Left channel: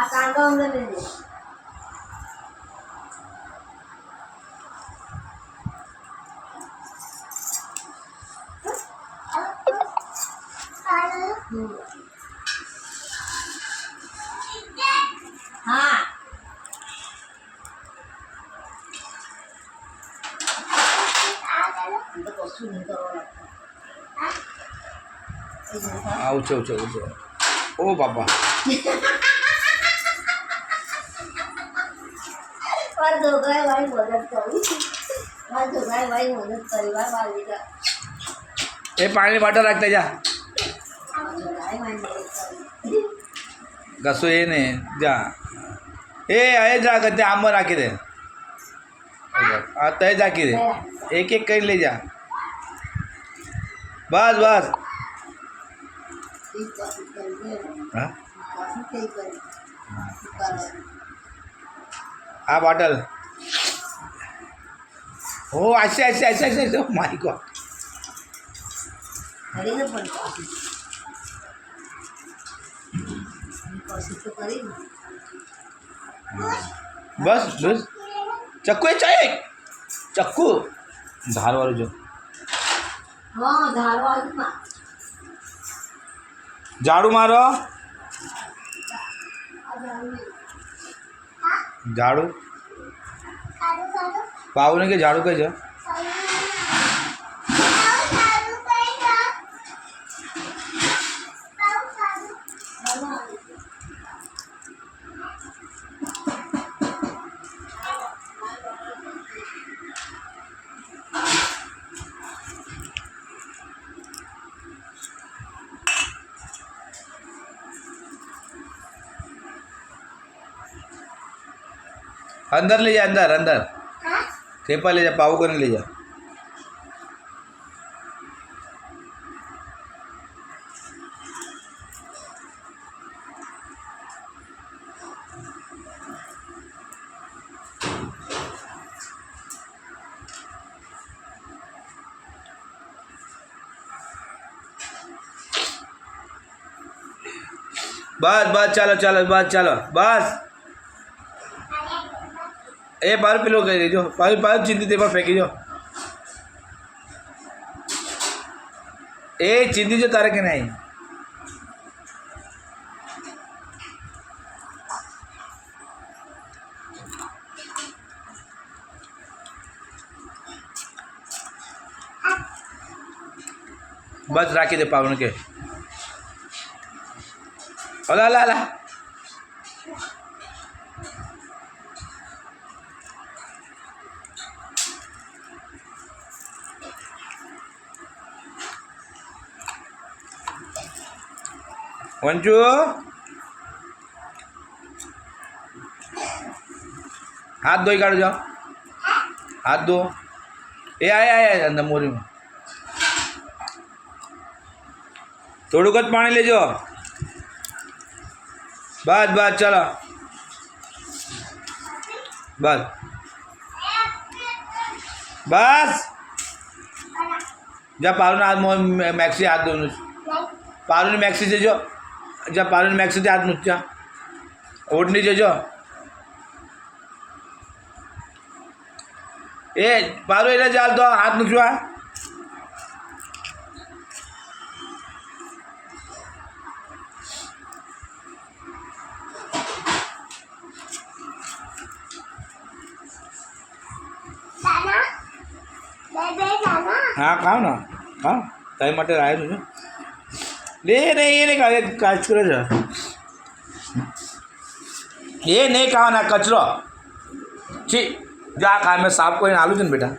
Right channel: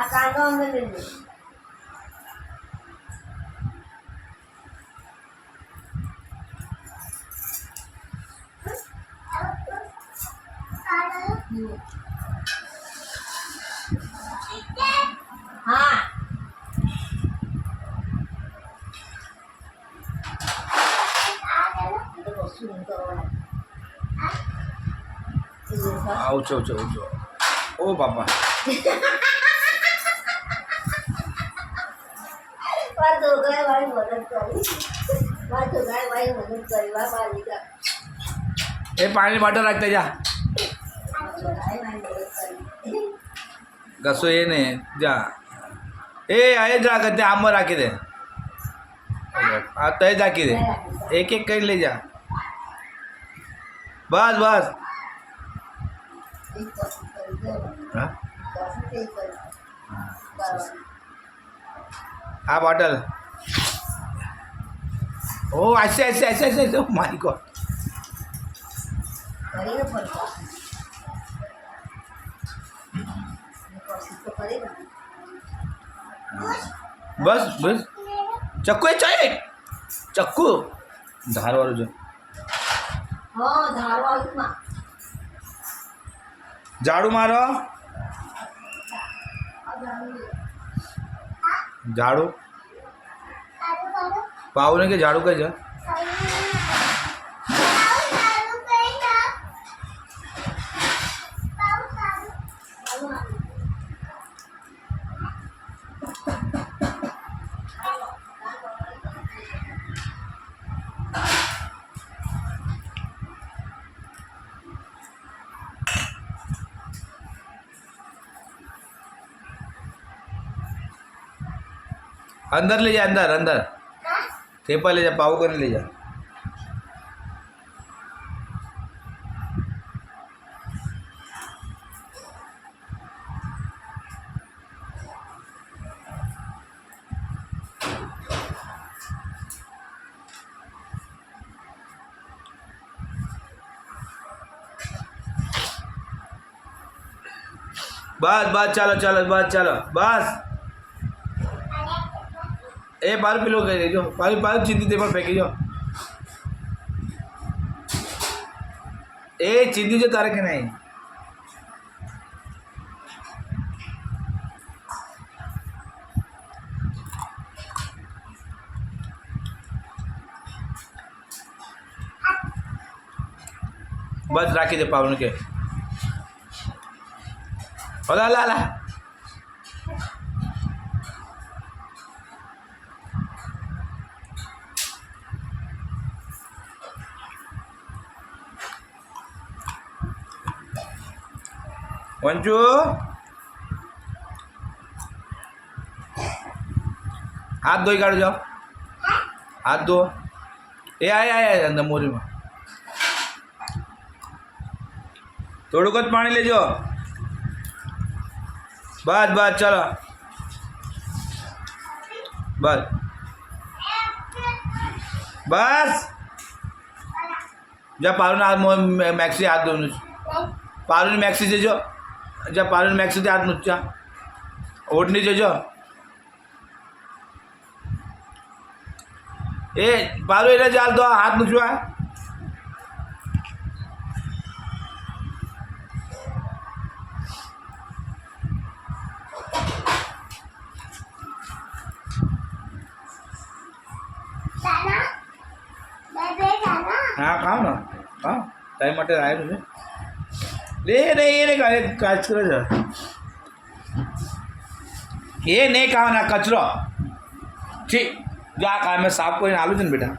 આ કાંદો અંદર લેજો. હા આવું છો ઓ બાપા છોકરાએ મારી મદદ કરી. મારા છોકરાએ મારી મદદ કરી. મારા બાલિકા એ પાણી બોટલ રાખતા જા છોકરાએ મારી મદદ કરી. કશું એ નહીં જા એ આ જા કે આમાં રાખી દે આ તય જ રાખી દે એક એક કરી લઈ જા બસ બસ હા આ બોટલ ઓ આશે મારી ગોડ કરીને પણ કોશિશ તો કરી ને. બસ બસ ચક્કુ એ ચાય ચક્કુ ધારવાળું જો હા ધારો ના ઝાડુ મારો ઝાડુ પાવને કે ઝાડુ કઈ છે अंदर ले जा अंदर थेपा ले जा पाव करने ले जा बस बस चलो बस ए बार पिलो कही देजो पाल चिंती दे पर फेंकी जो ए चिंती जो तारे के नहीं बस राखी दे पावन के ला ला ला वंचू हाथ धोई काढ़ जाओ हाथ धो ए आया अंदर मोरी में थोड़ू कत पानी ले जाओ बस बस चलो बस बस जा पारू हाथ मैक्सी हाथ धो पारू ने मैक्सी से जो जा पारू ने मैक्सी से हाथ नुचा ओढ़नी जो ए पारू ए जाल दो हाथ नुचवा हाँ खाओ ना खाओ टाइम માટે આવ્યું છે લે નહીં એને કચરો છે એ નહીં ખાવાના કચરો છી જા ખા મેં સાફ કરીને આલું છે ને બેટા